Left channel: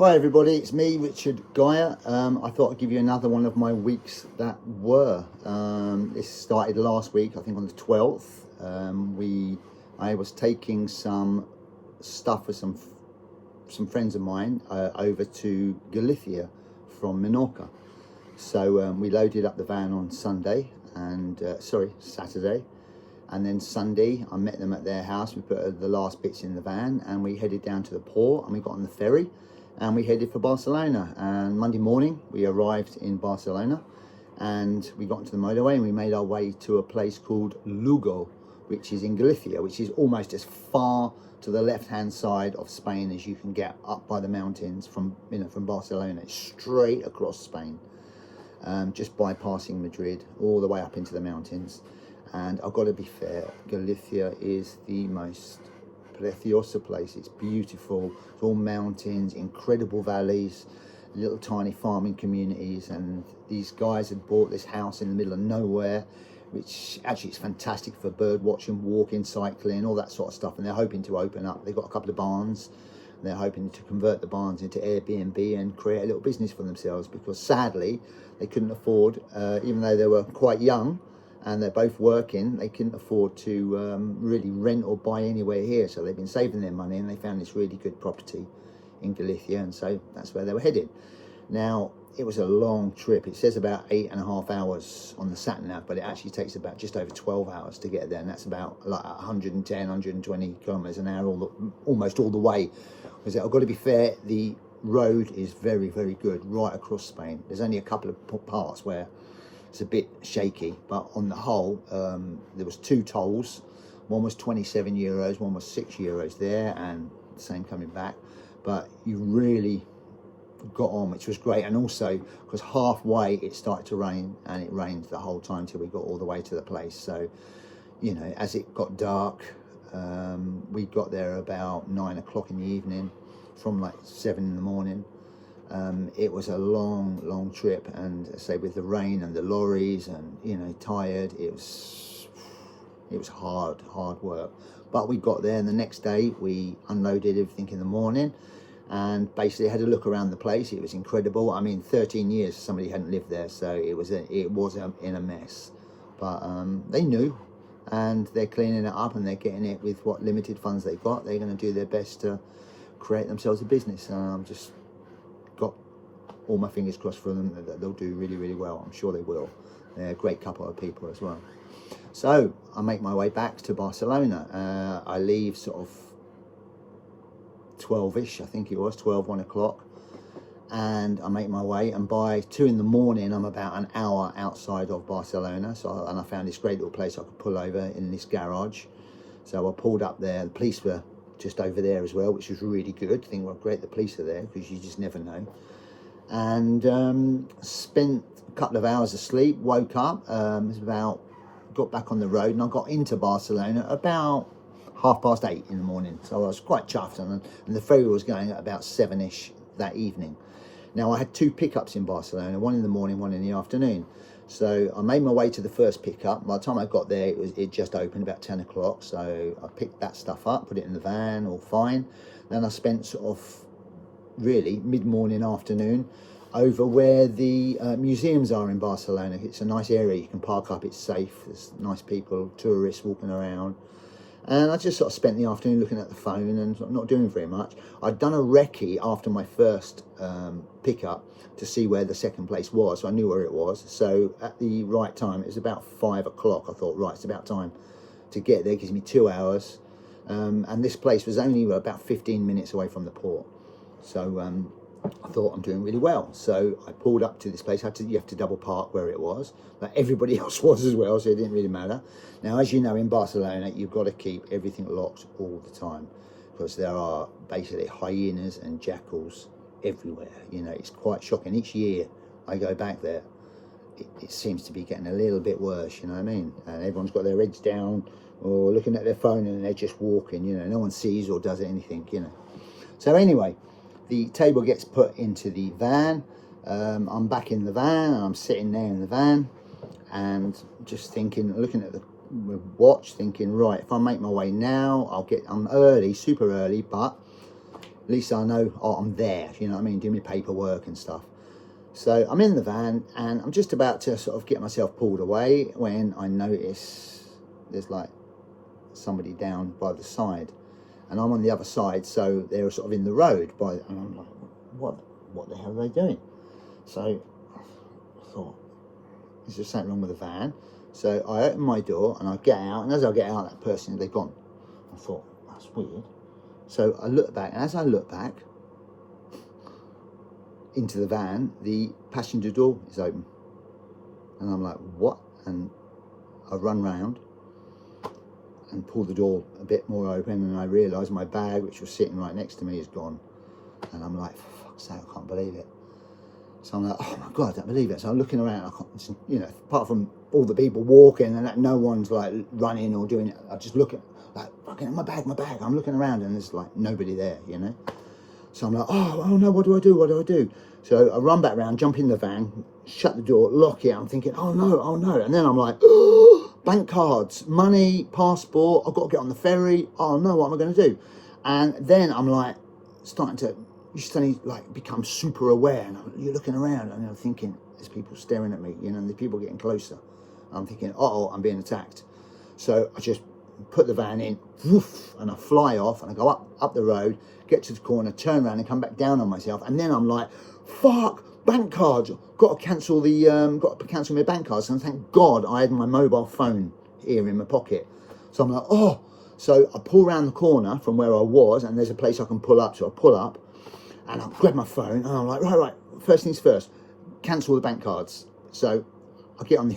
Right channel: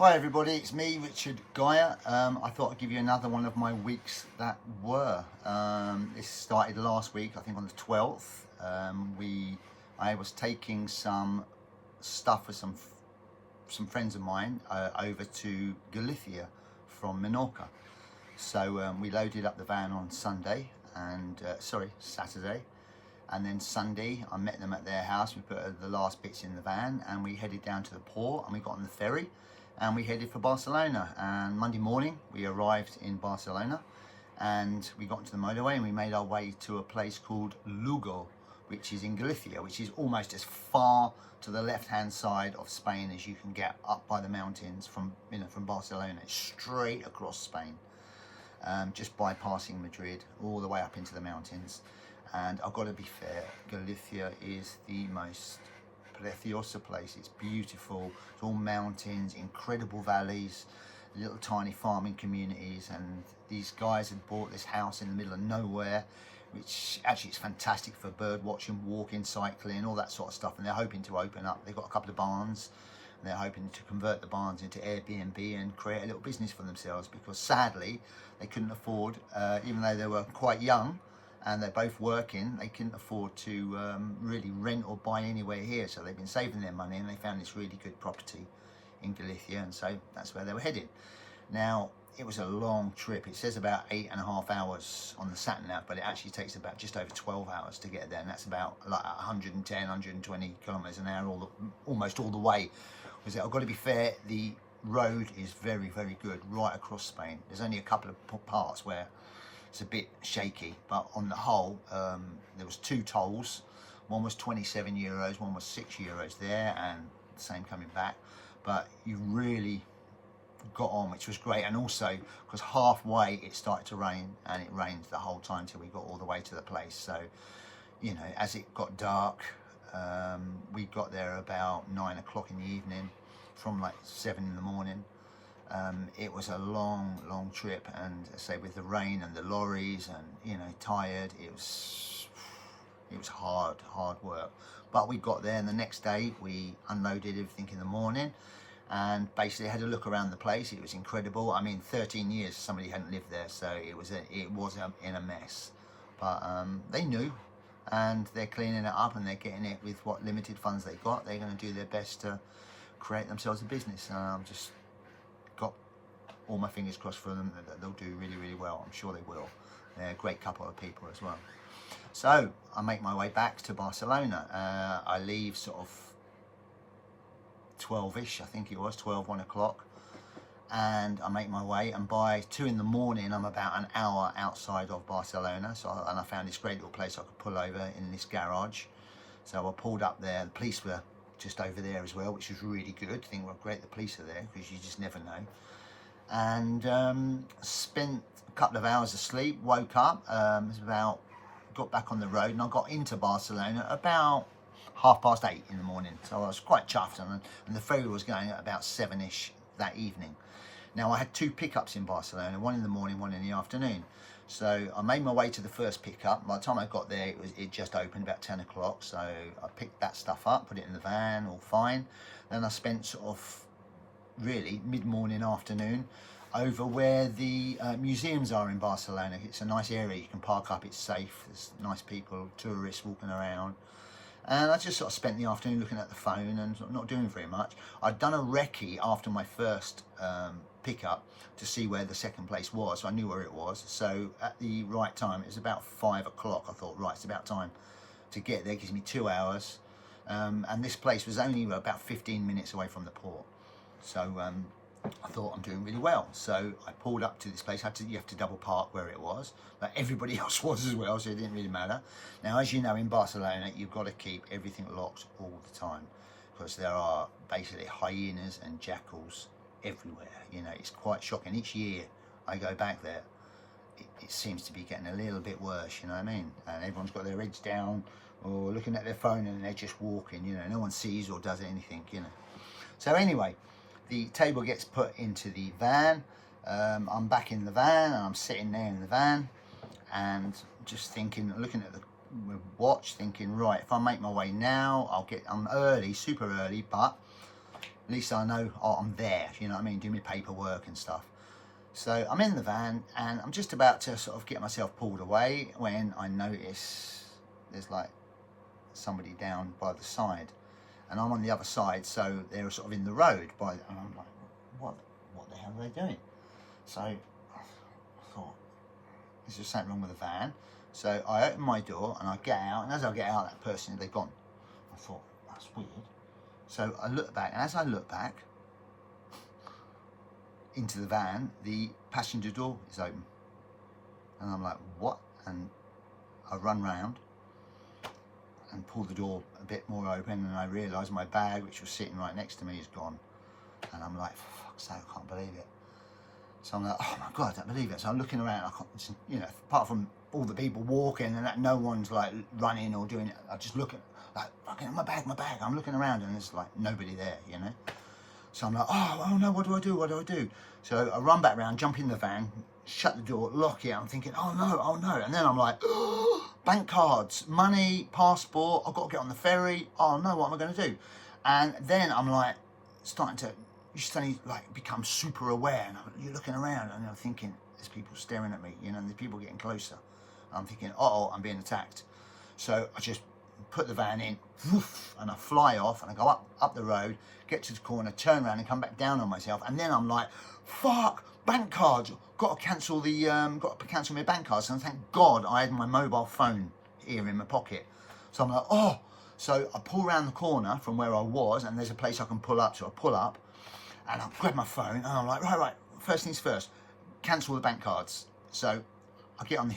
Hi everybody, it's me, Richard Geyer. I thought I'd give you another one of my weeks that were. This started last week, I think on the 12th. I was taking some stuff with some friends of mine over to Galicia from Menorca. So we loaded up the van on Saturday, and then Sunday I met them at their house. We put the last bits in the van and we headed down to the port and we got on the ferry and we headed for Barcelona. And Monday morning we arrived in Barcelona and we got into the motorway and we made our way to a place called Lugo, which is in Galicia, which is almost as far to the left hand side of Spain as you can get up by the mountains from Barcelona. It's straight across Spain, just bypassing Madrid all the way up into the mountains. And I've got to be fair, Galicia is the most preciosa place. It's beautiful. It's all mountains, incredible valleys, little tiny farming communities. And these guys had bought this house in the middle of nowhere, which actually is fantastic for bird watching, walking, cycling, all that sort of stuff. And they're hoping to open up. They've got a couple of barns. And they're hoping to convert the barns into Airbnb and create a little business for themselves, because sadly they couldn't afford, even though they were quite young, and they're both working, they couldn't afford to really rent or buy anywhere here. So they've been saving their money and they found this really good property in Galicia, and so that's where they were headed. Now, it was a long trip. It says about 8.5 hours on the sat nav, but it actually takes about just over 12 hours to get there, and that's about like 110, 120 kilometers an hour, almost all the way. Because I've got to be fair, the road is very, very good right across Spain. There's only a couple of parts where it's a bit shaky, but on the whole, there was 2 tolls. One was 27 euros, one was 6 euros there, and the same coming back. But you really got on, which was great. And also, because halfway it started to rain, and it rained the whole time till we got all the way to the place. So, you know, as it got dark, we got there about 9 o'clock in the evening from like 7 in the morning. It was a long trip, and say with the rain and the lorries and, you know, tired, it was hard work. But we got there, and the next day we unloaded everything in the morning and basically had a look around the place. It was incredible. I mean, 13 years somebody hadn't lived there, so it was in a mess. But they knew, and they're cleaning it up and they're getting it with what limited funds they got. They're going to do their best to create themselves a business, and I'm just got all my fingers crossed for them that they'll do really well. I'm sure they will. They're a great couple of people as well. So I make my way back to Barcelona. I leave sort of 12ish, I think it was 1 o'clock, and I make my way, and by 2 in the morning I'm about an hour outside of Barcelona. So I found this great little place I could pull over in this garage. So I pulled up there. The police were just over there as well, which was really good. I think, well, great, the police are there, because you just never know. And spent a couple of hours asleep, woke up, got back on the road, and I got into Barcelona about 8:30 in the morning. So I was quite chuffed, and the ferry was going at about 7ish that evening. Now, I had 2 pickups in Barcelona, one in the morning, one in the afternoon. So I made my way to the first pickup. By the time I got there, it just opened about 10 o'clock. So I picked that stuff up, put it in the van, all fine. Then I spent sort of really mid-morning, afternoon over where the museums are in Barcelona. It's a nice area. You can park up, it's safe. There's nice people, tourists walking around. And I just sort of spent the afternoon looking at the phone and not doing very much. I'd done a recce after my first pickup to see where the second place was, so I knew where it was. So at the right time, it was about 5 o'clock. I thought, right, it's about time to get there. It gives me 2 hours. And this place was only about 15 minutes away from the port. So I thought, I'm doing really well. So I pulled up to this place. You have to double park where it was, but everybody else was as well, so it didn't really matter. Now, as you know, in Barcelona, you've got to keep everything locked all the time, because there are basically hyenas and jackals everywhere. You know, it's quite shocking. Each year I go back there, it seems to be getting a little bit worse, you know what I mean? And everyone's got their heads down or looking at their phone, and they're just walking, you know, no one sees or does anything, you know. So anyway, the table gets put into the van. I'm back in the van, and I'm sitting there in the van and just thinking, looking at the watch, thinking, right, if I make my way now, I'm early, super early, but At least I know, oh, I'm there, you know what I mean, do my paperwork and stuff. So I'm in the van and I'm just about to sort of get myself pulled away when I notice there's like somebody down by the side, and I'm on the other side, so they're sort of in the road by, and I'm like, what the hell are they doing? So I thought, is there something wrong with the van? So I open my door and I get out, and as I get out, that person, they're gone. I thought, that's weird. So I look back, and as I look back into the van, the passenger door is open. And I'm like, what? And I run round and pull the door a bit more open, and I realise my bag, which was sitting right next to me, is gone. And I'm like, for fuck's sake, I can't believe it. So I'm like, oh my God, I don't believe it. So I'm looking around, I can't, you know, apart from all the people walking and that, no one's like running or doing it. I just look at, like, fucking my bag. I'm looking around and there's like nobody there, you know. So I'm like, oh no, what do I do? So I run back round, jump in the van, shut the door, lock it. I'm thinking, oh no. And then I'm like, oh, bank cards, money, passport, I've got to get on the ferry. Oh no, what am I going to do? And then I'm like, you suddenly like become super aware, and you're looking around and I'm thinking, there's people staring at me, you know, and there's people getting closer. And I'm thinking, uh-oh, I'm being attacked. So I just put the van in, woof, and I fly off, and I go up the road, get to the corner, turn around and come back down on myself. And then I'm like, fuck, bank cards, got to cancel my bank cards. And thank God I had my mobile phone here in my pocket. So I'm like, oh. So I pull around the corner from where I was, and there's a place I can pull up. So I pull up and I grab my phone, and I'm like, right, first things first, cancel the bank cards. So I get on the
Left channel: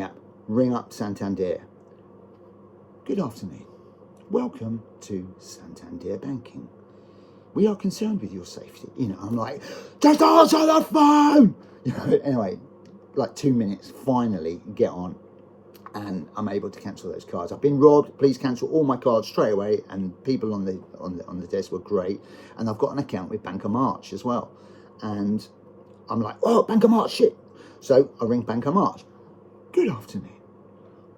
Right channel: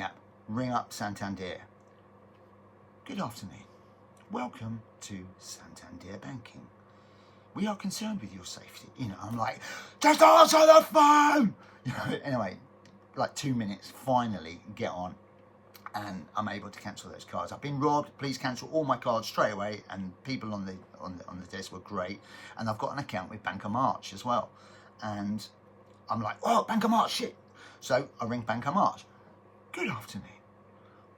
app, ring up Santander. Good afternoon. Welcome to Santander Banking. We are concerned with your safety. You know, I'm like, just answer the phone! You know, anyway, like 2 minutes, finally get on, and I'm able to cancel those cards. I've been robbed, please cancel all my cards straight away. And people on the desk were great. And I've got an account with Bank of March as well. And I'm like, oh, Bank of March, shit. So I ring Bank of March. Good afternoon.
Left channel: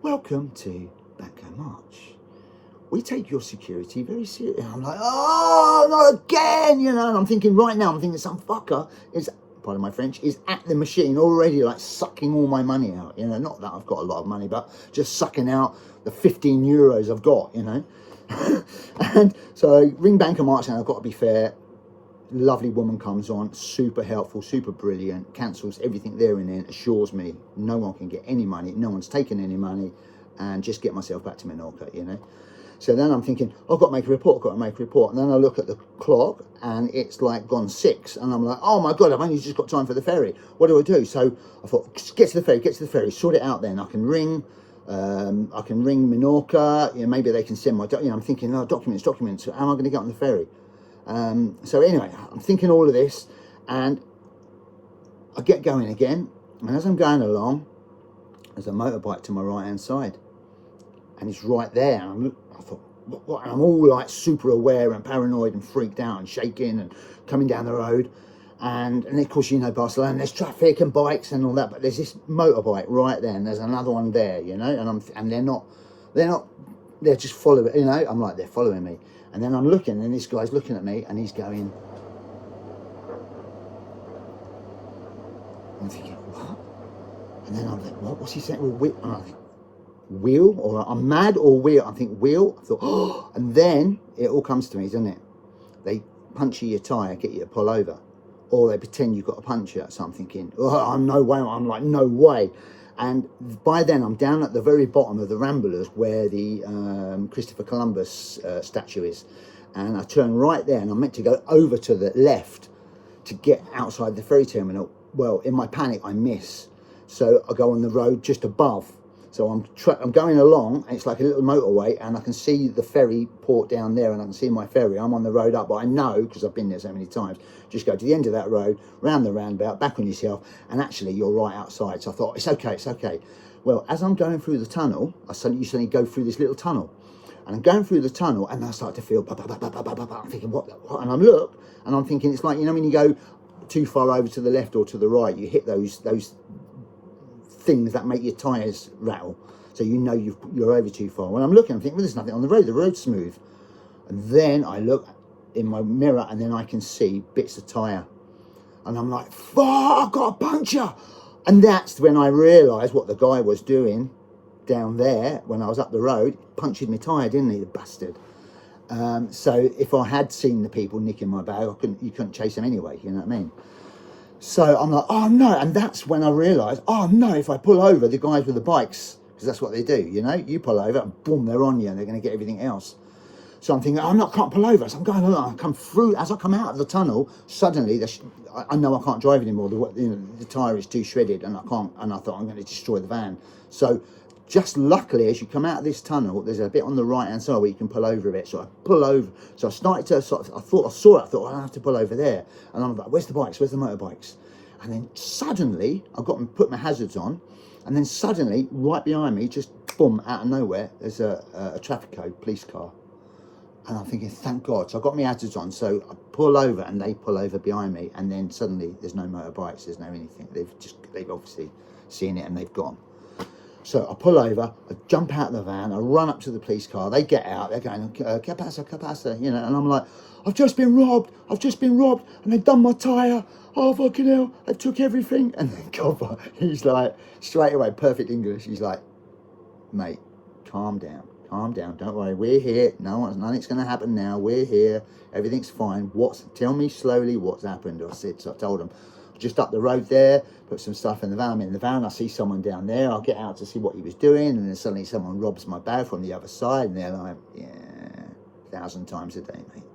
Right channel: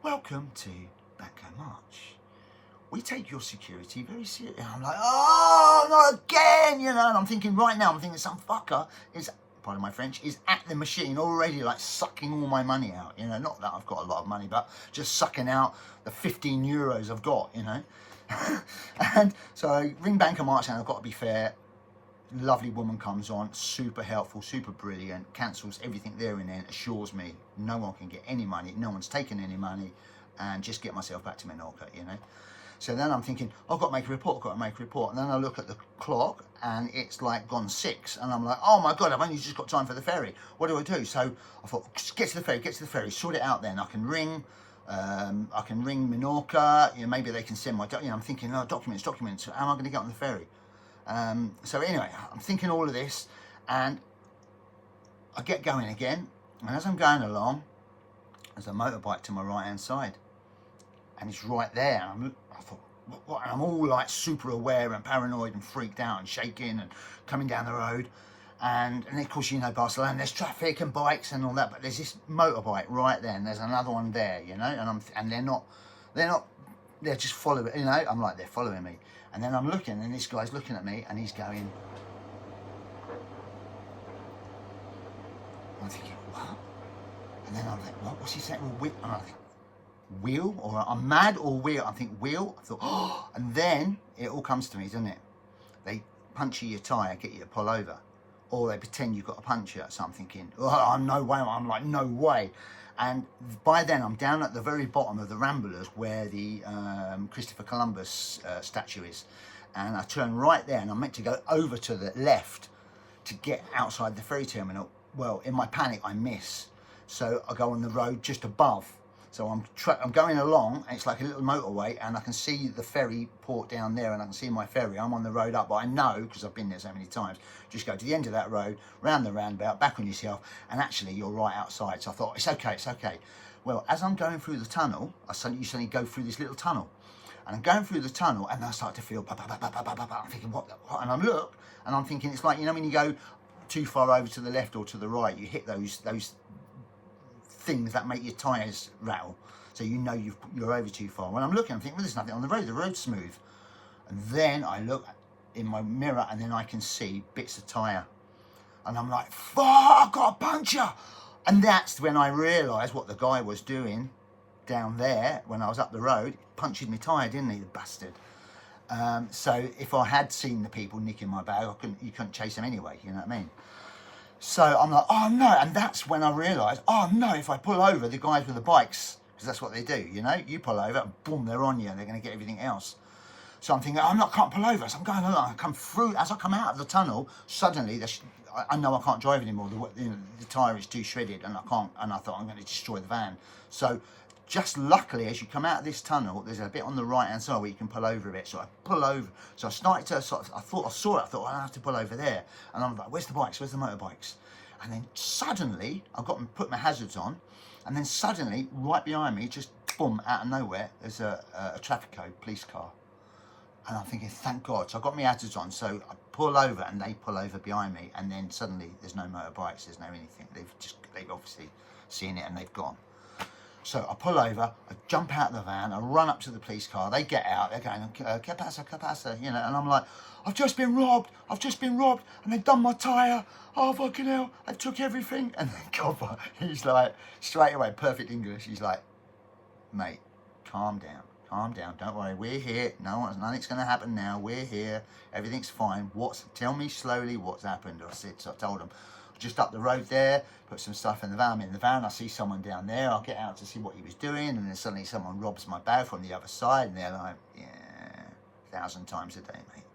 Welcome to Bank of March. We take your security very seriously. And I'm like, oh, not again, you know. And I'm thinking right now, some fucker is, pardon my French, is at the machine already, like sucking all my money out, you know. Not that I've got a lot of money, but just sucking out the 15 euros I've got, you know. And so I ring Bank of March, and I've got to be fair. Lovely woman comes on, super helpful, super brilliant, cancels everything there and then, assures me no one can get any money, no one's taken any money, and just get myself back to Menorca, you know. So then I'm thinking, I've got to make a report. And then I look at the clock, and it's like gone 6. And I'm like, oh my God, I've only just got time for the ferry. What do I do? So I thought, get to the ferry, sort it out then. I can ring Menorca, you know, maybe they can send my, you know, I'm thinking, oh, documents, how am I going to get on the ferry? So anyway, I'm thinking all of this, and I get going again. And as I'm going along, there's a motorbike to my right hand side, and it's right there. And I thought, what? And I'm all like super aware and paranoid and freaked out and shaking and coming down the road. And of course, you know, Barcelona, there's traffic and bikes and all that, but there's this motorbike right there, and there's another one there, you know, and they're just following, you know. I'm like, they're following me. And then I'm looking, and this guy's looking at me, and he's going, I'm thinking, what? And then I'm like, what's he saying? Well, and I think, wheel, or I'm mad, or wheel. I think wheel. I thought, oh, and then it all comes to me, doesn't it? They puncture your tyre, get you to pull over, or they pretend you've got a puncture. So I'm thinking, oh, I'm like, no way. And by then I'm down at the very bottom of the Ramblers where the Christopher Columbus statue is. And I turn right there, and I'm meant to go over to the left to get outside the ferry terminal. Well, in my panic, I miss. So I go on the road just above. So I'm going along, and it's like a little motorway, and I can see the ferry port down there, and I can see my ferry. I'm on the road up, but I know, because I've been there so many times, just go to the end of that road, round the roundabout, back on yourself, and actually you're right outside. So I thought, it's okay. Well, as I'm going through the tunnel, you suddenly go through this little tunnel, and I'm going through the tunnel, and I start to feel, I'm thinking, what? And I look, and I'm thinking, it's like, you know, when you go too far over to the left or to the right, you hit those things that make your tyres rattle, so you know you're over too far. When I'm looking, I'm thinking, well, there's nothing on the road, the road's smooth. And then I look, in my mirror, and then I can see bits of tyre. And I'm like, fuck, I've got a puncture. And that's when I realised what the guy was doing down there when I was up the road. Punctured my tyre, didn't he, the bastard? So if I had seen the people nicking my bag, you couldn't chase them anyway, you know what I mean? So I'm like, oh no, and that's when I realised, oh no, if I pull over, the guys with the bikes, because that's what they do, you know, you pull over, and boom, they're on you, and they're going to get everything else. So I'm thinking, can't pull over. So I'm going along, I come through, as I come out of the tunnel, suddenly, I know I can't drive anymore, the tyre is too shredded, and I thought I'm going to destroy the van. So just luckily, as you come out of this tunnel, there's a bit on the right-hand side where you can pull over a bit. So I pull over. So I started to I thought I saw it. I thought, I have to pull over there. And I'm like, where's the bikes? Where's the motorbikes? And then suddenly, I've got to put my hazards on. And then suddenly, right behind me, just boom, out of nowhere, there's a traffic code police car. And I'm thinking, thank God. So I've got my hazards on. So I pull over and they pull over behind me. And then suddenly, there's no motorbikes. There's no anything. They've obviously seen it and they've gone. So I pull over, I jump out of the van, I run up to the police car, they get out, they're going, que pasa, you know, and I'm like, I've just been robbed, and they've done my tyre, oh fucking hell, they took everything. And then Copper, he's like, straight away, perfect English, he's like, mate, calm down, don't worry, we're here, nothing's going to happen now, we're here, everything's fine, tell me slowly what's happened. So I told him, just up the road there, put some stuff in the van. I'm in the van, I see someone down there, I'll get out to see what he was doing, and then suddenly someone robs my bag from the other side, and they're like, yeah, 1,000 times a day, mate.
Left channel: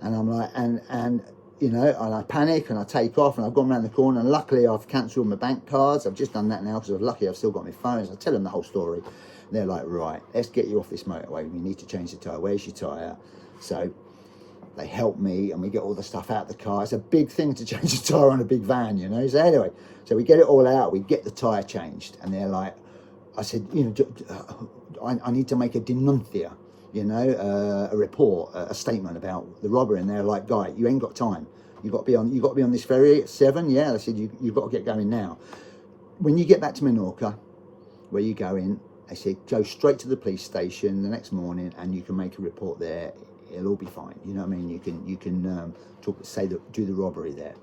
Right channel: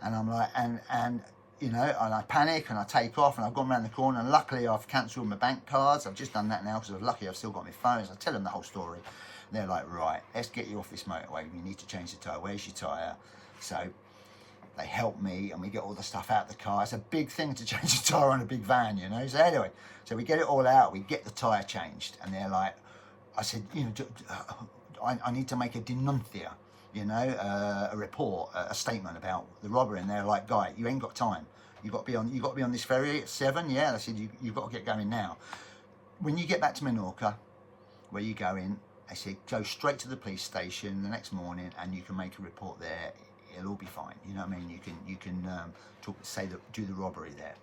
And I'm like, and you know, and I panic and I take off, and I've gone around the corner, and luckily I've cancelled my bank cards. I've just done that now because I'm lucky I've still got my phones. I tell them the whole story, and they're like, right, let's get you off this motorway, we need to change the tyre, where's your tyre? So they help me and we get all the stuff out of the car. It's a big thing to change a tyre on a big van, you know. So anyway, so we get it all out, we get the tyre changed, and they're like, I said, you know, I need to make a denuncia, you know, a report, a statement about the robbery. And they're like, guy, you ain't got time. You got to be on this ferry at 7. Yeah, I said, you've got to get going now. When you get back to Menorca, where you go in, I said, go straight to the police station the next morning, and you can make a report there. It'll all be fine, you know what I mean? You can do the robbery there.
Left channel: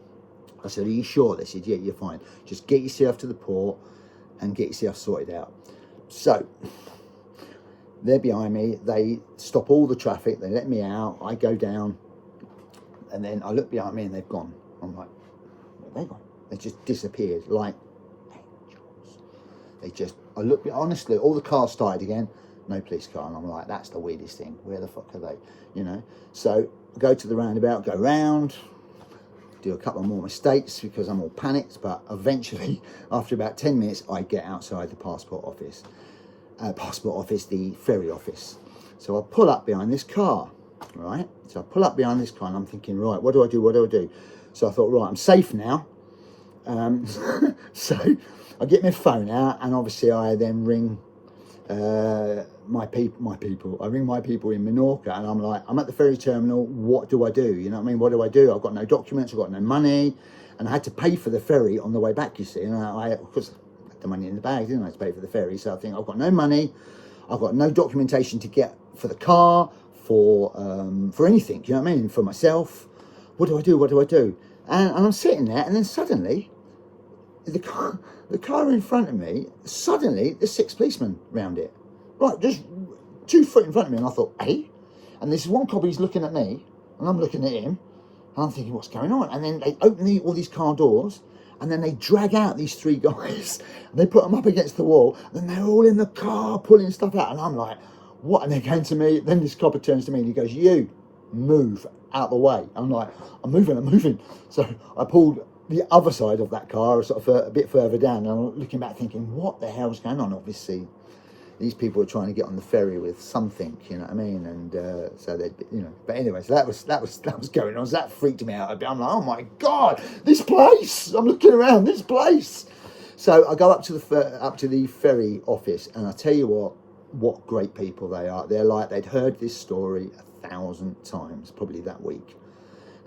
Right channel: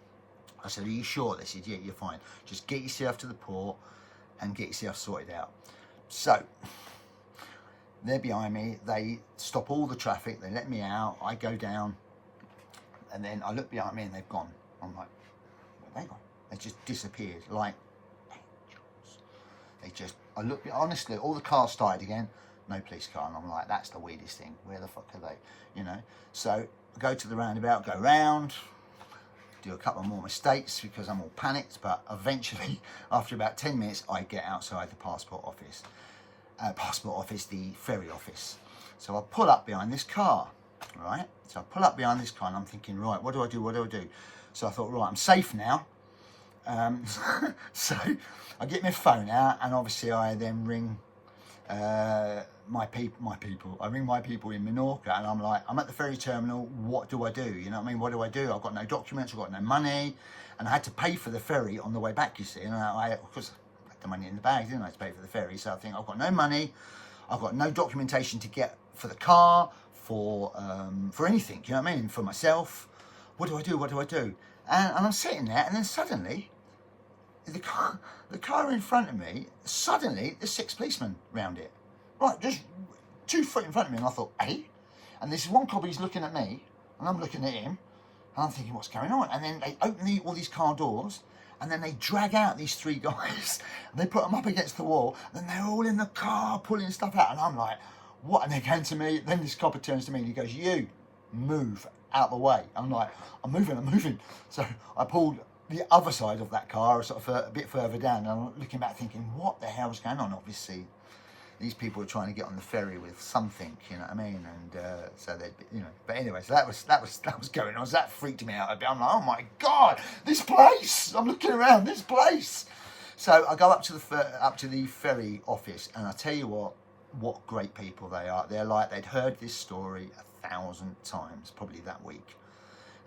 I said, are you sure? They said, yeah, you're fine. Just get yourself to the port and get yourself sorted out. So they're behind me. They stop all the traffic. They let me out. I go down, and then I look behind me, and they've gone. I'm like, where they gone? They just disappeared like angels. I look, honestly, all the cars started again. No police car, and I'm like, that's the weirdest thing. Where the fuck are they? You know. So I go to the roundabout, go round, do a couple more mistakes because I'm all panicked. But eventually, after about 10 minutes, I get outside the passport office, the ferry office. So I pull up behind this car, right? So I pull up behind this car, and I'm thinking, right, what do I do? So I thought, right, I'm safe now. So I get my phone out, and obviously I then ring my people. I ring my people in Menorca, and I'm like, I'm at the ferry terminal, what do I do? You know what I mean? What do I do? I've got no documents, I've got no money, and I had to pay for the ferry on the way back, you see. And I of course, I had the money in the bag, didn't I, to pay for the ferry? So I think, I've got no money, I've got no documentation to get for the car, for anything, you know what I mean? For myself. What do I do? And I'm sitting there, and then suddenly, the car in front of me, suddenly there's 6 policemen round it. Right, just 2 foot in front of me, and I thought, hey? And this one cop, he's looking at me, and I'm looking at him, and I'm thinking, what's going on? And then they open all these car doors, and then they drag out these 3 guys, and they put them up against the wall, and they're all in the car pulling stuff out, and I'm like, what? And they're going to me, then this copper turns to me, and he goes, you, move out the way. I'm like, I'm moving. So I pulled the other side of that car, sort of a bit further down, and I'm looking back thinking, what the hell's going on? Obviously, these people are trying to get on the ferry with something, you know what I mean? And so they, you know. But anyway, so that was going on. So that freaked me out a bit. I'm like, oh my God, this place! I'm looking around, this place. So I go up to the ferry office, and I tell you what great people they are. They're like, they'd heard this story 1,000 times, probably that week.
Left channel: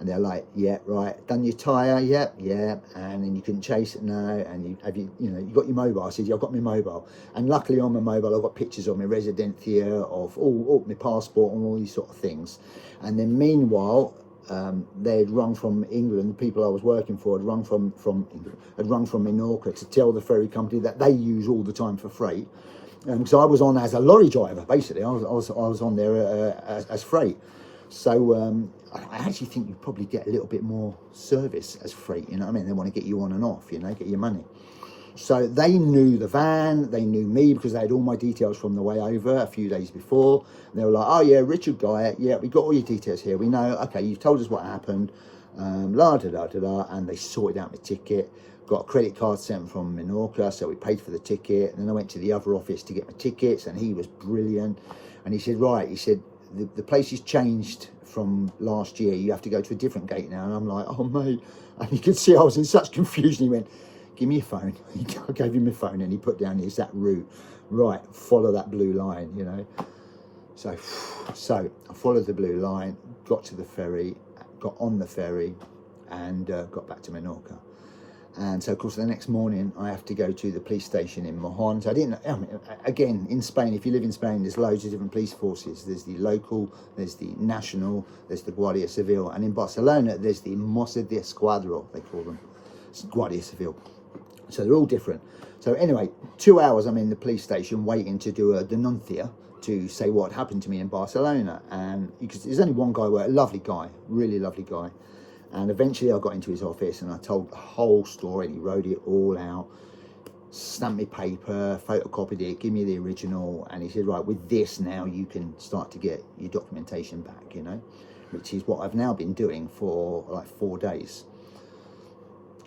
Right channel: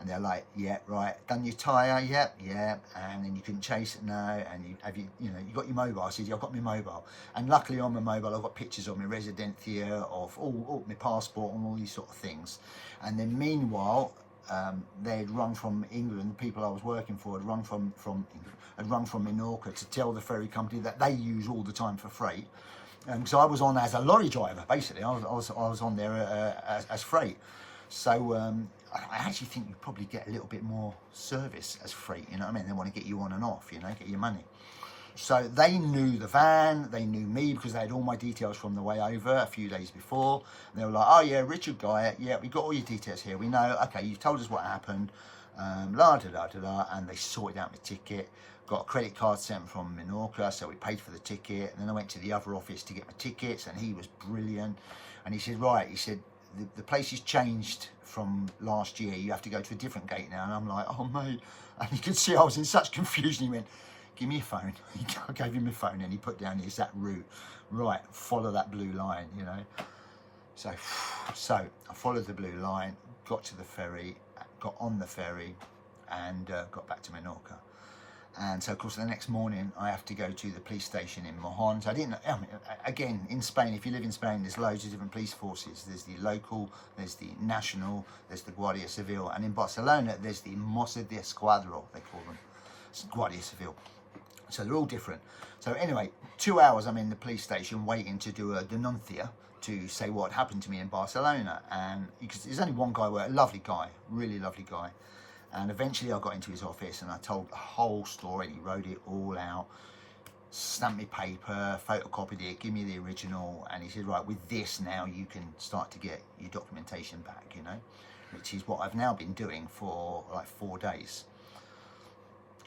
And they're like, yeah, right, done your tyre, yep, yeah, and then you couldn't chase it, no, and you got your mobile. I said, yeah, I've got my mobile, and luckily on my mobile I've got pictures of my residencia, of all my passport and all these sort of things. And then meanwhile, they had rung from England, the people I was working for had rung from Menorca to tell the ferry company that they use all the time for freight. So I was on as a lorry driver, basically. I was on there as freight. So I actually think you probably get a little bit more service as freight, you know what I mean? They want to get you on and off, you know, get your money. So they knew the van, they knew me because they had all my details from the way over a few days before. And they were like, oh yeah, Richard Guy, yeah, we got all your details here. We know, okay, you've told us what happened, la da da da da, and they sorted out my ticket. Got a credit card sent from Menorca, so we paid for the ticket. And then I went to the other office to get my tickets, and he was brilliant. And he said, right, he said, the place has changed from last year. You have to go to a different gate now. And I'm like, oh mate. And you could see I was in such confusion. He went, give me your phone. I gave him my phone and he put down the exact route. Right, follow that blue line, you know. So I followed the blue line, got to the ferry, got on the ferry, and got back to Menorca. And so, of course, the next morning I have to go to the police station in Mojon. So I mean, again, in Spain, if you live in Spain, there's loads of different police forces. There's the local, there's the national, there's the Guardia Civil. And in Barcelona, there's the Mossos d'Esquadra, they call them. It's Guardia Civil. So they're all different. So anyway, 2 hours I'm in the police station waiting to do a denuncia to say what happened to me in Barcelona. And because there's only one guy, a lovely guy, really lovely guy. And eventually I got into his office and I told the whole story. He wrote it all out, stamped me paper, photocopied it, give me the original. And he said, right, with this now you can start to get your documentation back, you know, which is what I've now been doing for like 4 days.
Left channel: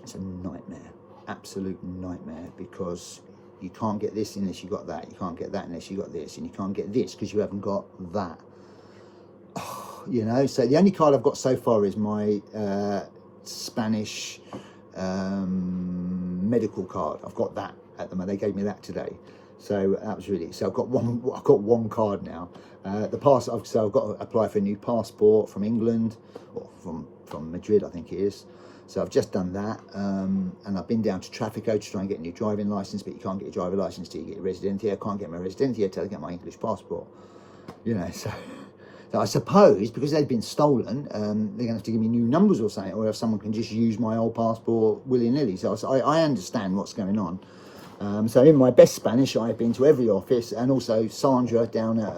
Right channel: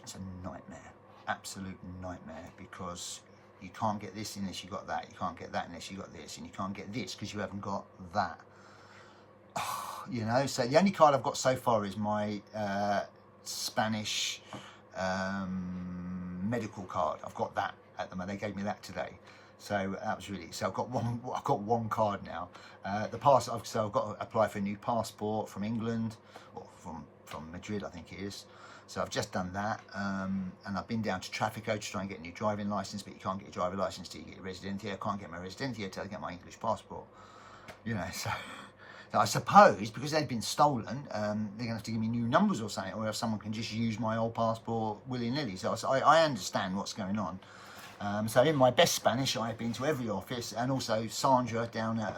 It's a nightmare, absolute nightmare, because you can't get this unless you got that. You can't get that unless you got this. And you can't get this because you haven't got that. You know, so the only card I've got so far is my Spanish medical card. I've got that at the moment. They gave me that today, so that was really. So I've got one card now. I've got to apply for a new passport from England, or from Madrid, I think it is. So I've just done that, and I've been down to Traffico to try and get a new driving license, but you can't get your driving license till you get your residencia. I can't get my residencia till I get my English passport. You know, so. So I suppose because they've been stolen, they're going to have to give me new numbers or something, or if someone can just use my old passport willy-nilly. So I understand what's going on. So in my best Spanish, I've been to every office, and also Sandra down at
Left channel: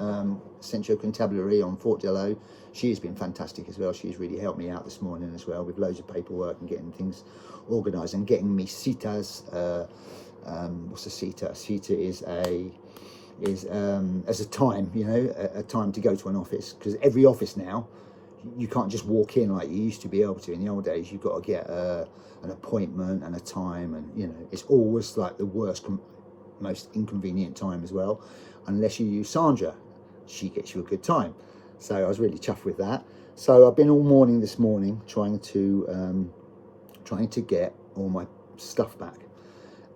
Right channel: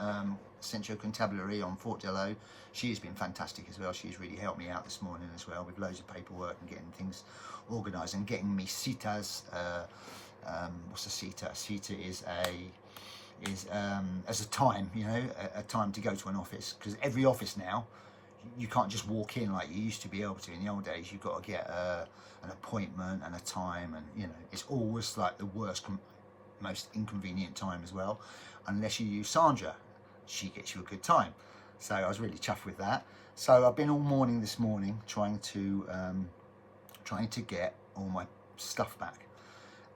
Centro Constabulary on Fort de Lo. She has been fantastic as well. She's really helped me out this morning as well with loads of paperwork and getting things organised and getting me citas. What's a cita? A cita is as a time, you know, a time to go to an office, because every office now you can't just walk in like you used to be able to in the old days. You've got to get an appointment and a time, and you know, it's always like the worst, most inconvenient time as well, unless you use Sandra. She gets you a good time. So I was really chuffed with that. So I've been all morning this morning trying to get all my stuff back.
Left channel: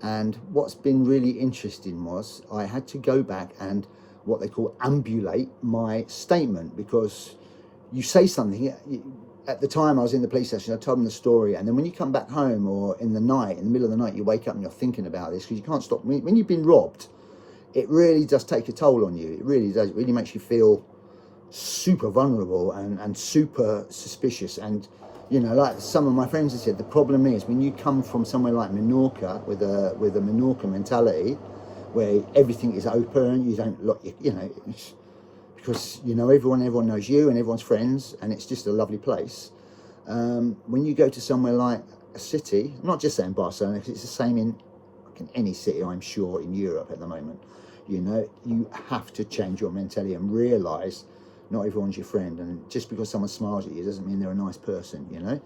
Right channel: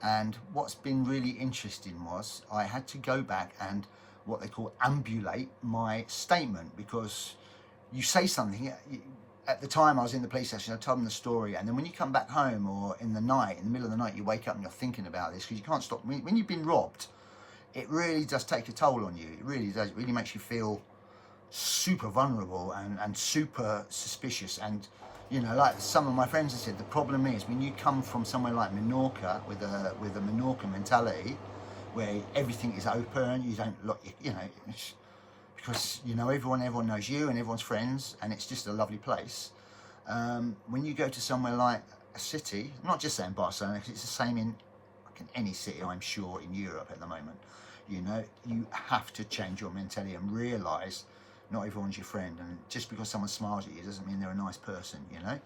And what's been really interesting was I had to go back and what they call ambulate my statement, because you say something. At the time I was in the police station, I told them the story, and then when you come back home or in the night, in the middle of the night, you wake up and you're thinking about this because you can't stop. When you've been robbed, it really does take a toll on you. It really does. It really makes you feel super vulnerable and super suspicious. And you know, like some of my friends have said, the problem is when you come from somewhere like Menorca with a Menorca mentality, where everything is open, you don't look, you know, because you know everyone knows you and everyone's friends, and it's just a lovely place. When you go to somewhere like a city, I'm not just saying Barcelona, because it's the same in any city, I'm sure, in Europe at the moment. You know, you have to change your mentality and realise not everyone's your friend, and just because someone smiles at you doesn't mean they're a nice person, you know.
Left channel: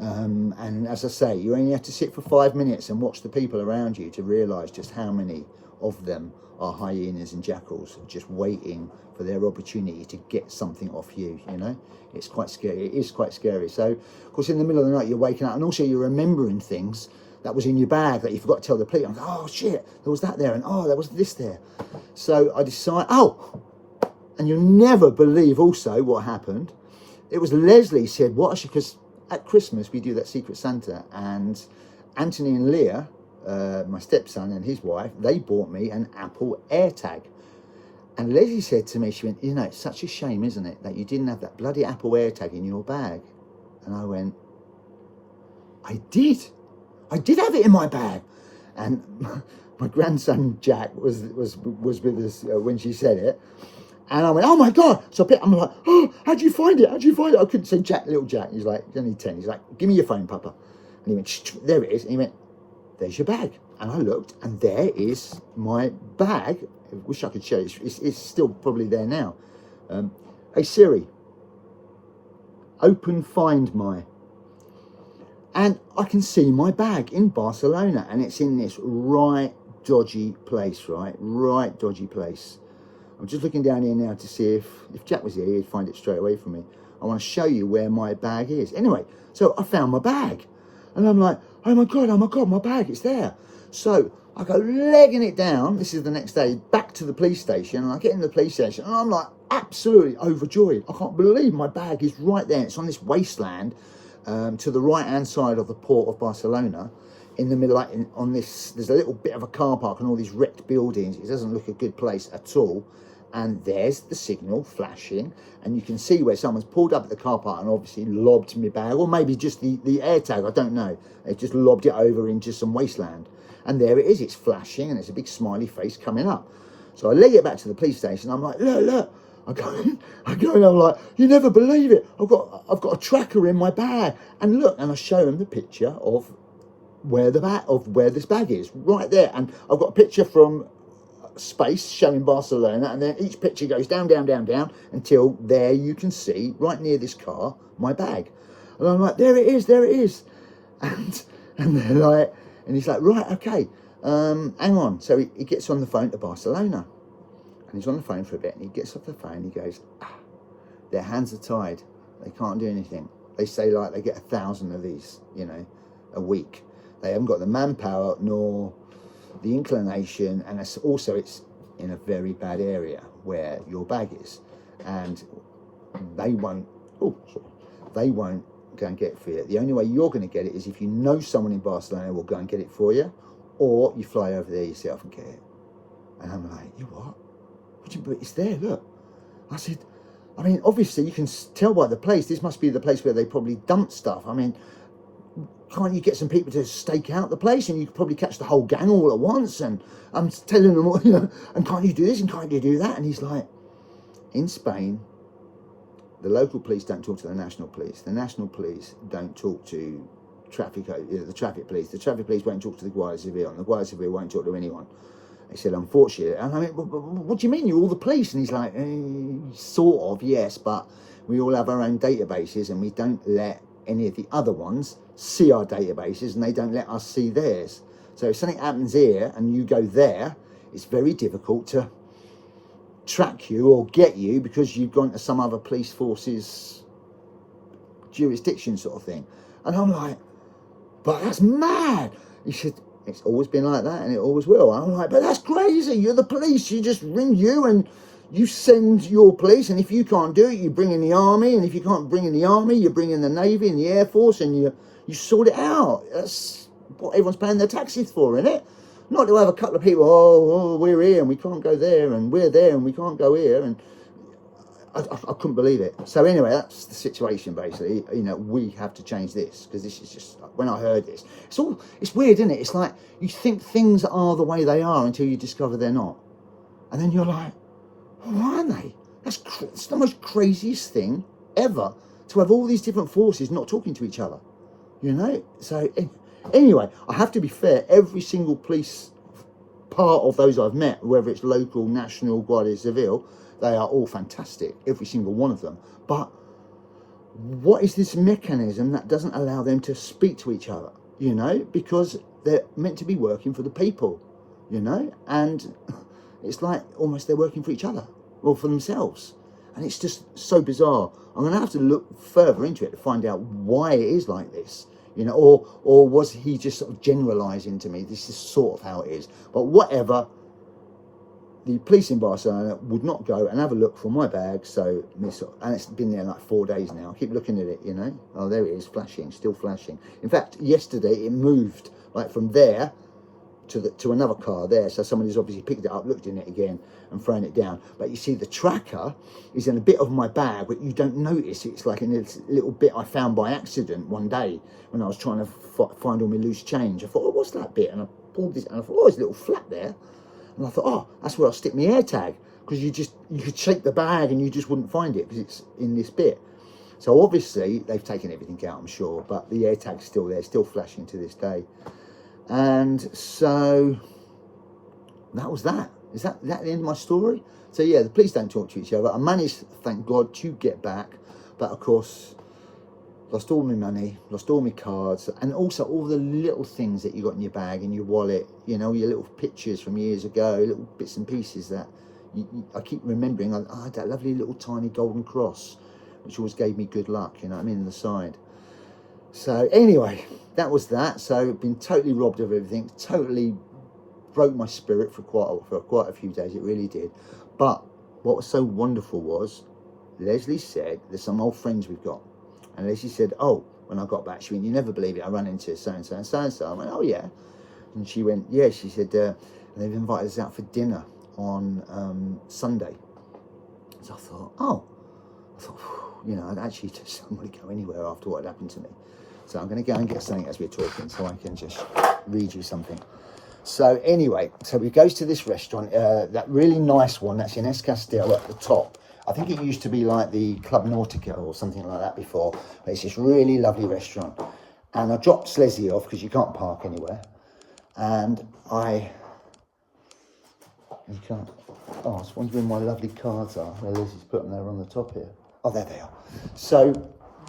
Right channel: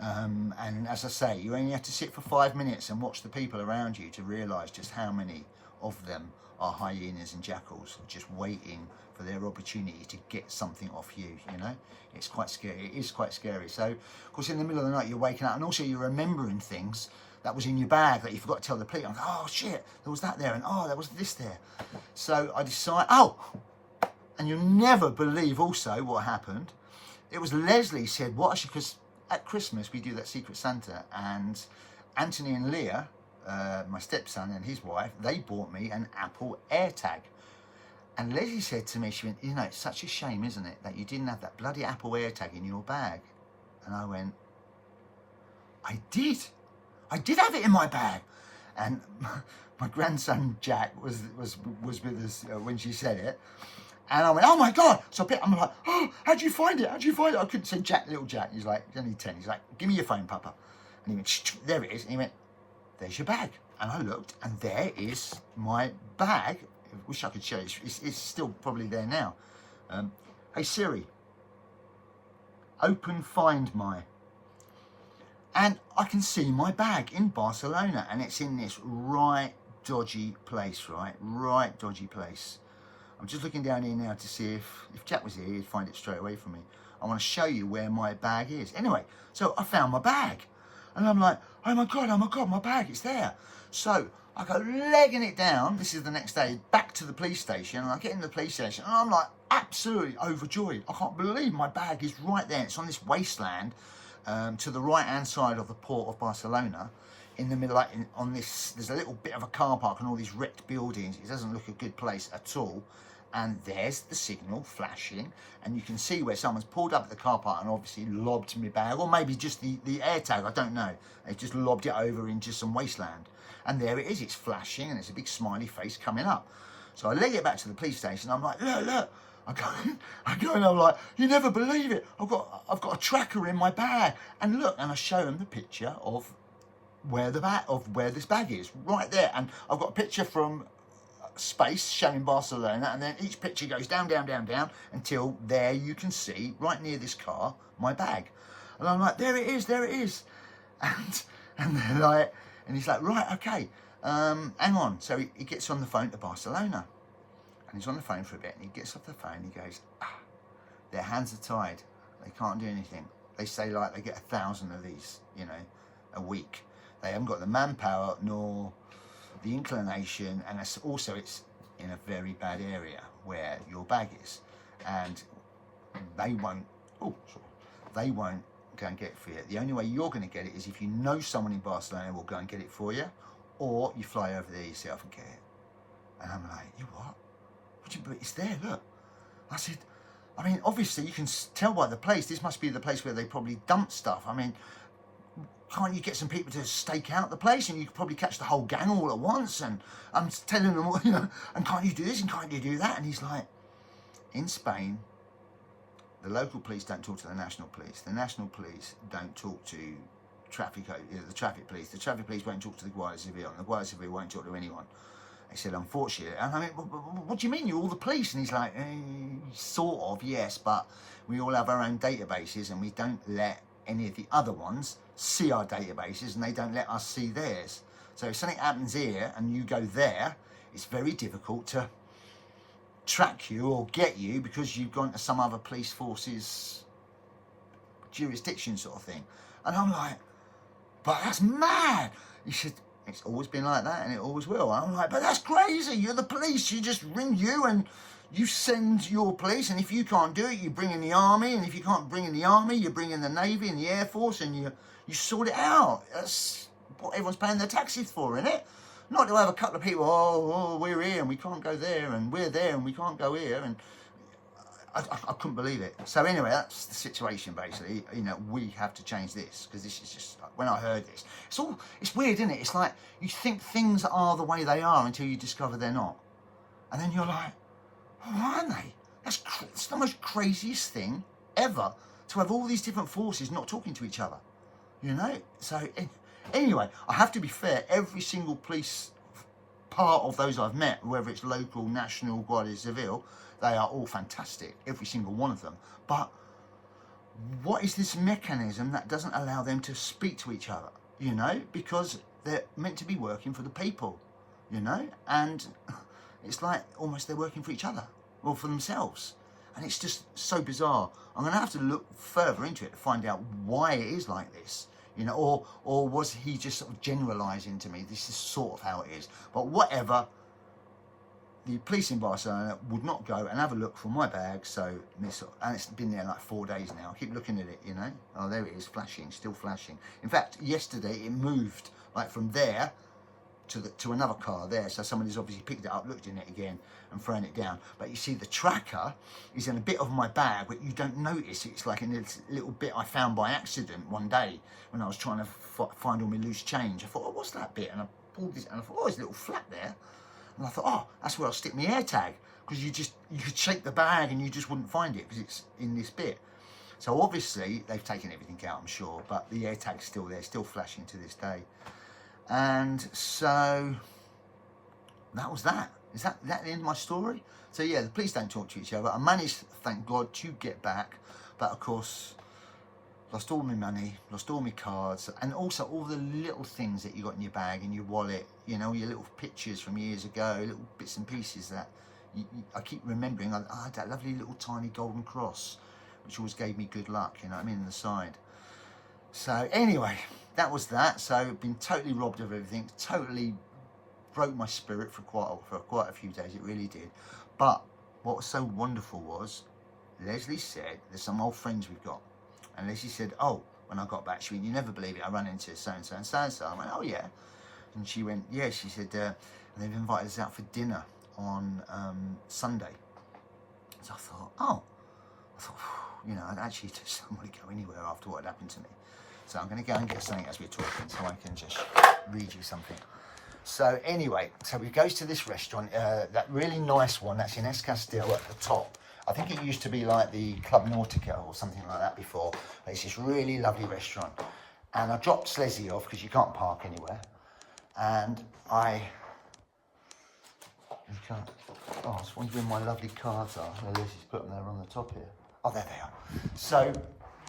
And as I say, you only have to sit for 5 minutes and watch the people around you to realise just how many of them are hyenas and jackals just waiting for their opportunity to get something off you, you know. It's quite scary. It is quite scary. So, of course, in the middle of the night, you're waking up, and also you're remembering things that was in your bag that you forgot to tell the police. I'm like, oh, shit, there was that there, and oh, there was this there. So I decide, and you'll never believe also what happened. It was Leslie said, what? Because at Christmas we do that Secret Santa, and Anthony and Leah, my stepson and his wife, they bought me an Apple AirTag. And Leslie said to me, she went, you know, it's such a shame, isn't it, that you didn't have that bloody Apple AirTag in your bag. And I went, I did have it in my bag. And my grandson Jack was with us when she said it. And I went, oh my God. So I'm like, oh, how'd you find it? I couldn't say Jack, little Jack. He's like, he's only 10. He's like, give me your phone, Papa. And he went, there it is. And he went, there's your bag. And I looked, and there is my bag. I wish I could show you. It's still probably there now. Hey Siri, open Find My. And I can see my bag in Barcelona, and it's in this right dodgy place, right dodgy place. I'm just looking down here now to see if Jack was here, he'd find it straight away from me. I want to show you where my bag is. Anyway, so I found my bag, and I'm like, oh my God, my bag, it's there. So I go legging it down. This is the next day, back to the police station, and I get in the police station, and I'm like absolutely overjoyed. I can't believe my bag is right there. It's on this wasteland to the right-hand side of the port of Barcelona, in the middle, on this, there's a little bit of a car park and all these wrecked buildings. It doesn't look a good place at all. And there's the signal flashing, and you can see where someone's pulled up at the car park and obviously lobbed my bag, or maybe just the AirTag, I don't know. They just lobbed it over into some wasteland. And there it is, it's flashing, and there's a big smiley face coming up. So I leg it back to the police station. I'm like, look. I go and I'm like, you never believe it. I've got a tracker in my bag. And look, and I show him the picture of where this bag is, right there. And I've got a picture from space showing Barcelona, and then each picture goes down until there you can see, right near this car, my bag. And I'm like, there it is. And they're like, and he's like, right, okay, hang on. So he gets on the phone to Barcelona, and he's on the phone for a bit, and he gets off the phone, he goes, their hands are tied, they can't do anything. They say like they get 1,000 of these, you know, a week. They haven't got the manpower nor the inclination, and it's in a very bad area where your bag is, and they won't go and get it for you. The only way you're going to get it is if you know someone in Barcelona will go and get it for you, or you fly over there yourself and get it. And I'm like, you what? It's there, look. I said, I mean, obviously you can tell by the place, this must be the place where they probably dump stuff. I mean, can't you get some people to stake out the place, and you could probably catch the whole gang all at once? And I'm telling them, you know, and can't you do this and can't you do that? And he's like, in Spain, the local police don't talk to the national police. The national police don't talk to the traffic police. The traffic police won't talk to the Guardia Civil, and the Guardia Civil won't talk to anyone. He said, unfortunately. And I mean, what do you mean, you're all the police? And he's like, sort of, yes, but we all have our own databases, and we don't let any of the other ones see our databases, and they don't let us see theirs. So if something happens here and you go there, it's very difficult to track you or get you, because you've gone to some other police force's jurisdiction sort of thing. And I'm like, but that's mad. He said, it's always been like that, and it always will. And I'm like, but that's crazy. You're the police. You just ring you and you send your police, and if you can't do it, you bring in the army, and if you can't bring in the army, you bring in the Navy and the Air Force, and you sort it out. That's what everyone's paying their taxes for, isn't it? Not to have a couple of people, oh, we're here and we can't go there, and we're there and we can't go here. And I couldn't believe it. So anyway, that's the situation basically. You know, we have to change this, because this is just, when I heard this, it's weird, isn't it? It's like you think things are the way they are until you discover they're not. And then you're like, why aren't they? That's the most craziest thing ever, to have all these different forces not talking to each other, you know? So anyway, I have to be fair, every single police part of those I've met, whether it's local, national, Guardia Civil, they are all fantastic, every single one of them. But what is this mechanism that doesn't allow them to speak to each other, you know? Because they're meant to be working for the people, you know? And it's like almost they're working for each other, or for themselves. And it's just so bizarre. I'm going to have to look further into it to find out why it is like this, you know, or was he just sort of generalising to me, this is sort of how it is. But whatever, the police in Barcelona would not go and have a look for my bag, so and it's been there like 4 days now. I keep looking at it, you know. Oh, there it is, flashing, still flashing. In fact, yesterday it moved like from there to another car there, so somebody's obviously picked it up, looked in it again and thrown it down. But you see the tracker is in a bit of my bag, but you don't notice. It's like in this little bit I found by accident one day when I was trying to find all my loose change. I thought, oh, what's that bit? And I pulled this and I thought, oh, there's a little flap there. And I thought, oh, that's where I'll stick my AirTag, because you could shake the bag and you just wouldn't find it because it's in this bit. So obviously they've taken everything out, I'm sure, but the AirTag's still there, still flashing to this day. And so that was that. Is that the end of my story? So yeah, the police don't talk to each other. I managed, thank God, to get back, but of course lost all my money, lost all my cards, and also all the little things that you got in your bag, in your wallet, you know, your little pictures from years ago, little bits and pieces that I keep remembering. I had that lovely little tiny golden cross, which always gave me good luck, you know what I mean, on the side. So anyway, that was that. So been totally robbed of everything, totally broke my spirit for quite a few days, it really did. But what was so wonderful was, Leslie said, there's some old friends we've got. And Leslie said, oh, when I got back, she went, you never believe it, I ran into so-and-so and so-and-so. I went, oh, yeah. And she went, yeah, she said, they've invited us out for dinner on Sunday. So I thought, you know, I'd actually just don't want to go anywhere after what had happened to me. So I'm going to go and get something as we're talking so I can just read you something. So anyway, so we goes to this restaurant, that really nice one that's in Es Castell at the top. I think it used to be like the Club Nautica or something like that before. But it's this really lovely restaurant. And I dropped Leslie off because you can't park anywhere. And you can't. Oh, I was wondering where my lovely cards are. Well, Leslie's put them there on the top here. Oh, there they are. So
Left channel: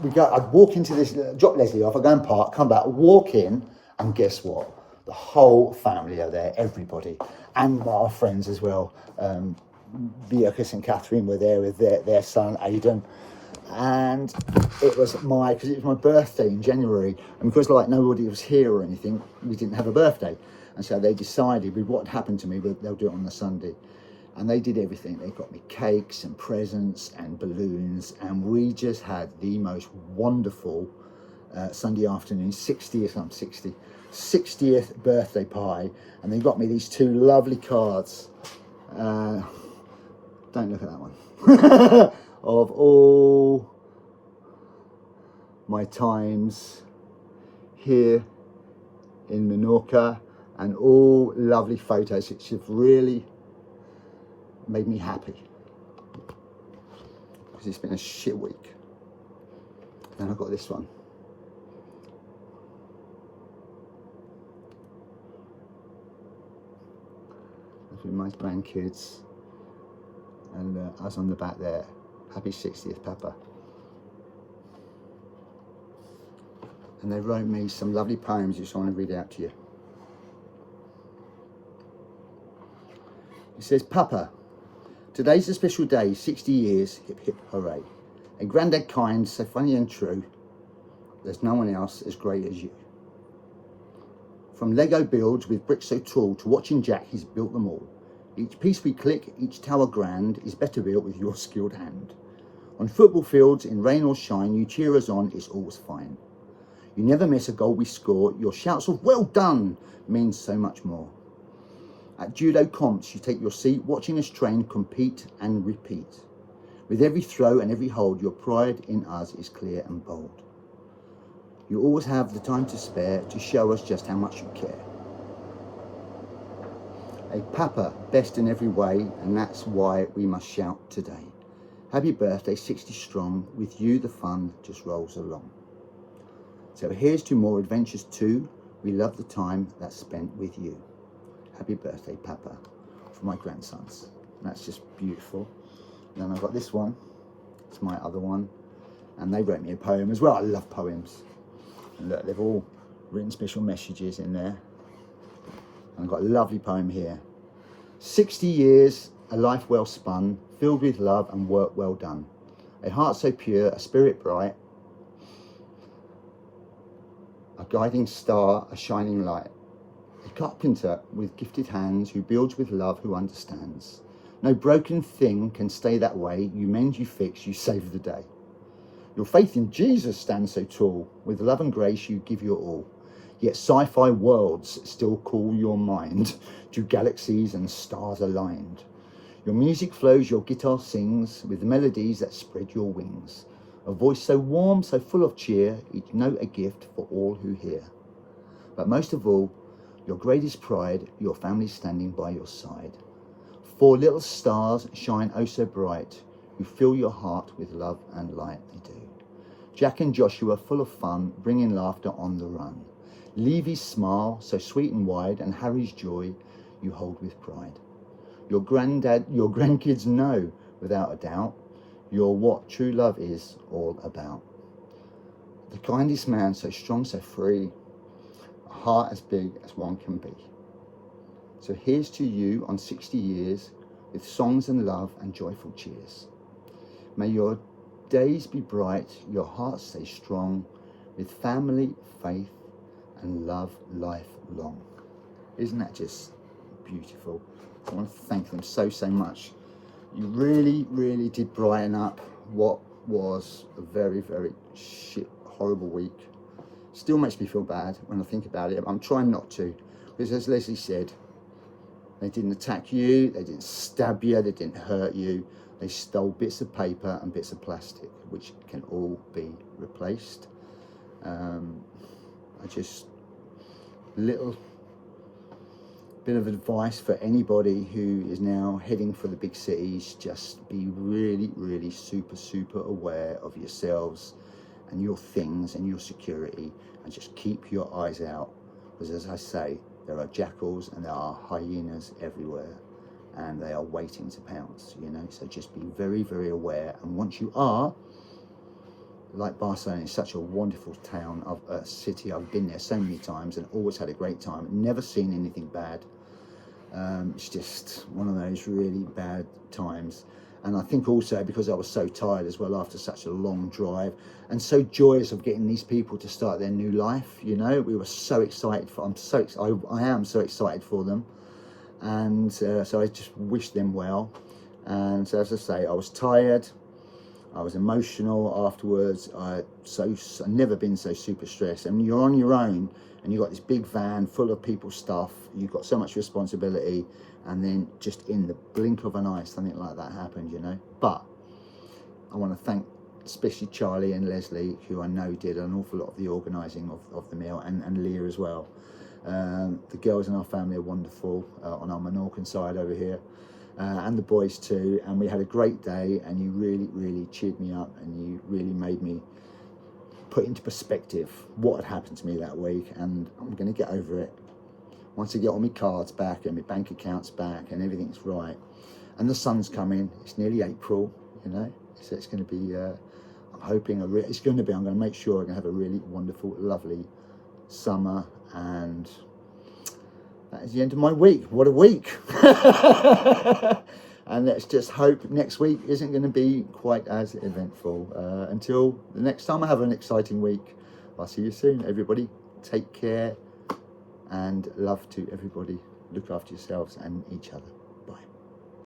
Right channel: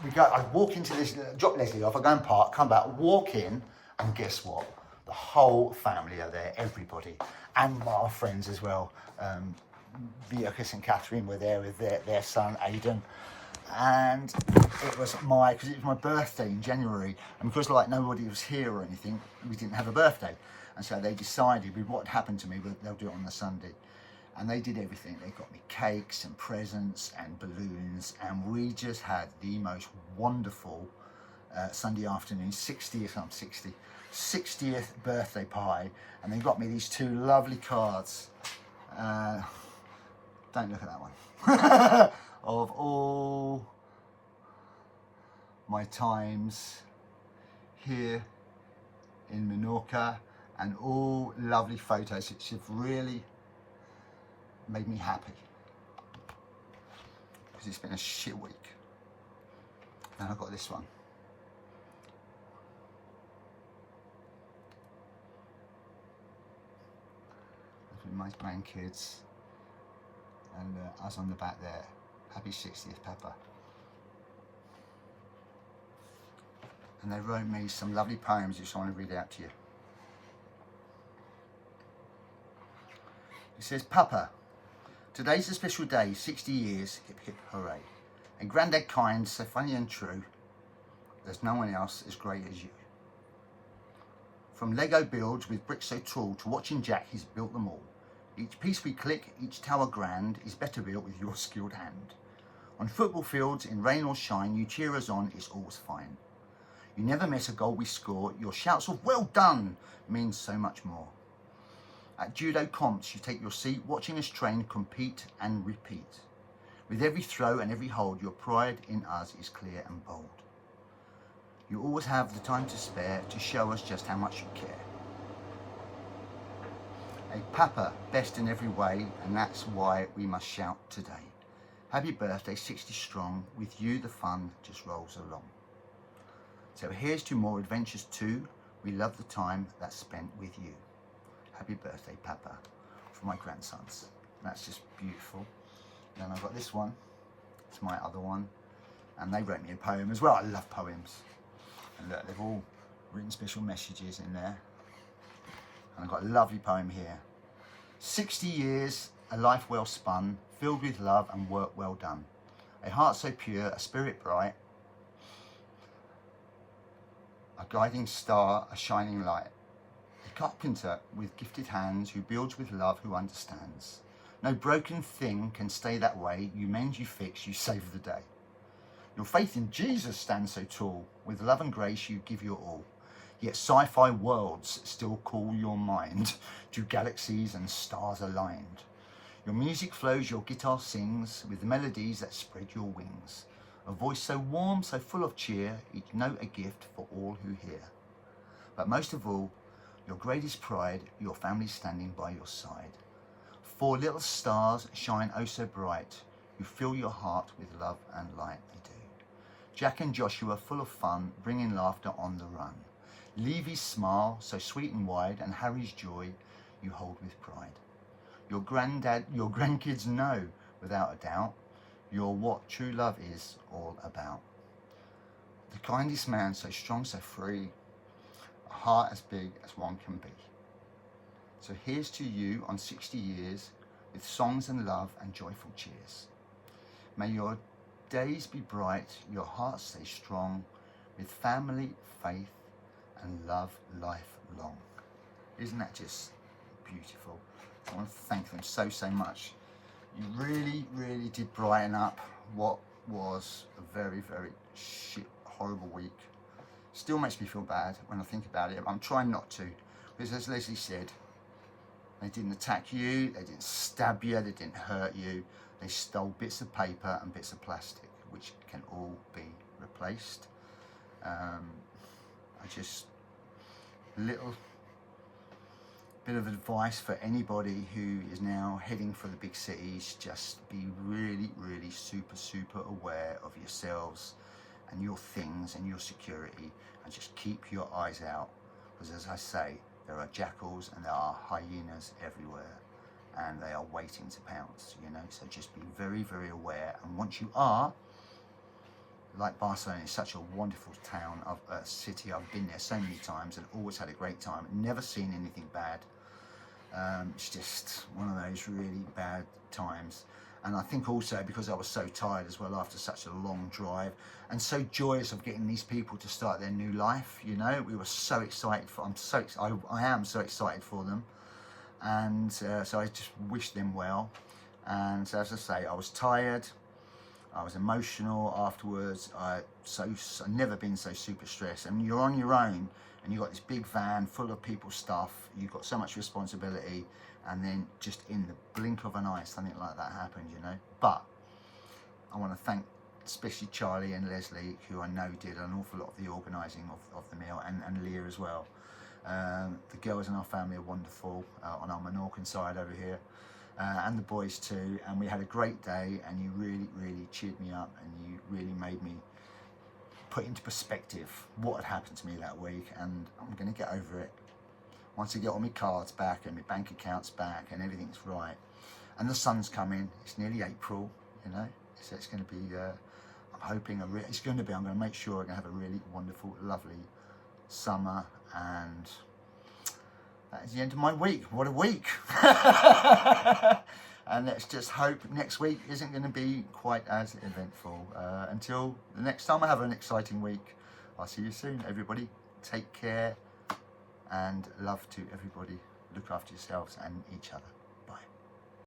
I'd walk into this, drop Leslie off, I go and park, come back, walk in, and guess what? The whole family are there, everybody, and our friends as well. Beatrice and Catherine were there with their son Aidan, and it was because it was my birthday in January, and because like nobody was here or anything, we didn't have a birthday, and so they decided with what happened to me, they'll do it on the Sunday. And they did everything. They got me cakes and presents and balloons, and we just had the most wonderful Sunday afternoon, 60th birthday party. And they got me these two lovely cards. Don't look at that one. Of all my times here in Menorca, and all lovely photos. It's really made me happy because it's been a shit week. Then I've got this one. That's with my grandkids, and us on the back there. Happy 60th, Papa. And they wrote me some lovely poems which I want to read out to you. It says, Papa, today's a special day, 60 years, hip hip hooray. A granddad kind, so funny and true. There's no one else as great as you. From Lego builds with bricks so tall to watching Jack, he's built them all. Each piece we click, each tower grand, is better built with your skilled hand. On football fields, in rain or shine, you cheer us on, it's always fine. You never miss a goal we score, your shouts of well done means so much more. At judo comps, you take your seat, watching us train, compete and repeat. With every throw and every hold, your pride in us is clear and bold. You always have the time to spare to show us just how much you care. A Papa, best in every way, and that's why we must shout today. Happy birthday, 60 strong, with you the fun just rolls along. So here's to more adventures too, we love the time that's spent with you. Happy birthday, Papa, for my grandsons. And that's just beautiful. And then I've got this one. It's my other one. And they wrote me a poem as well. I love poems. And look, they've all written special messages in there. And I've got a lovely poem here. 60 years, a life well spun, filled with love and work well done. A heart so pure, a spirit bright. A guiding star, a shining light. A carpenter with gifted hands who builds with love, who understands. No broken thing can stay that way. You mend, you fix, you save the day. Your faith in Jesus stands so tall. With love and grace you give your all. Yet sci-fi worlds still call your mind to galaxies and stars aligned. Your music flows, your guitar sings with melodies that spread your wings. A voice so warm, so full of cheer, each note a gift for all who hear. But most of all, your greatest pride, your family standing by your side. 4 little stars shine oh so bright. You fill your heart with love and light, they do. Jack and Joshua full of fun, bringing laughter on the run. Levy's smile, so sweet and wide, and Harry's joy you hold with pride. Your grandkids know, without a doubt, you're what true love is all about. The kindest man, so strong, so free, a heart as big as one can be. So here's to you on 60 years, with songs and love and joyful cheers. May your days be bright, your heart stay strong, with family, faith, and love lifelong. Isn't that just beautiful? I want to thank them so much. You really did brighten up what was a very horrible week. Still makes me feel bad when I think about it, but I'm trying not to, because as Leslie said, they didn't attack you, they didn't stab you, they didn't hurt you. They stole bits of paper and bits of plastic, which can all be replaced. Little bit of advice for anybody who is now heading for the big cities: just be really super aware of yourselves and your things and your security, and just keep your eyes out, because as I say, there are jackals and there are hyenas everywhere, and they are waiting to pounce, you know. So just be very aware. And once you are, like Barcelona is such a wonderful town, a city. I've been there so many times and always had a great time, never seen anything bad. It's just one of those really bad times. And I think also because I was so tired as well after such a long drive, and so joyous of getting these people to start their new life, you know. We were so excited for, I am so excited for them. And so I just wish them well. And so, as I say, I was tired, I was emotional afterwards. I've never been so super stressed. And you're on your own, and you've got this big van full of people's stuff, you've got so much responsibility, and then just in the blink of an eye, something like that happened, you know. But I want to thank especially Charlie and Leslie, who I know did an awful lot of the organising of the meal, and Leah as well. The girls in our family are wonderful, on our Menorcan side over here, and the boys too. And we had a great day, and you really cheered me up, and you really made me put into perspective what had happened to me that week. And I'm going to get over it once I get all my cards back and my bank accounts back and everything's right. And the sun's coming. It's nearly April, you know, so it's going to be, I'm hoping I'm going to make sure I'm going to have a really wonderful, lovely summer. And that is the end of my week. What a week. And let's just hope next week isn't going to be quite as eventful. Until the next time I have an exciting week, I'll see you soon, everybody. Take care, and love to everybody. Look after yourselves and each other.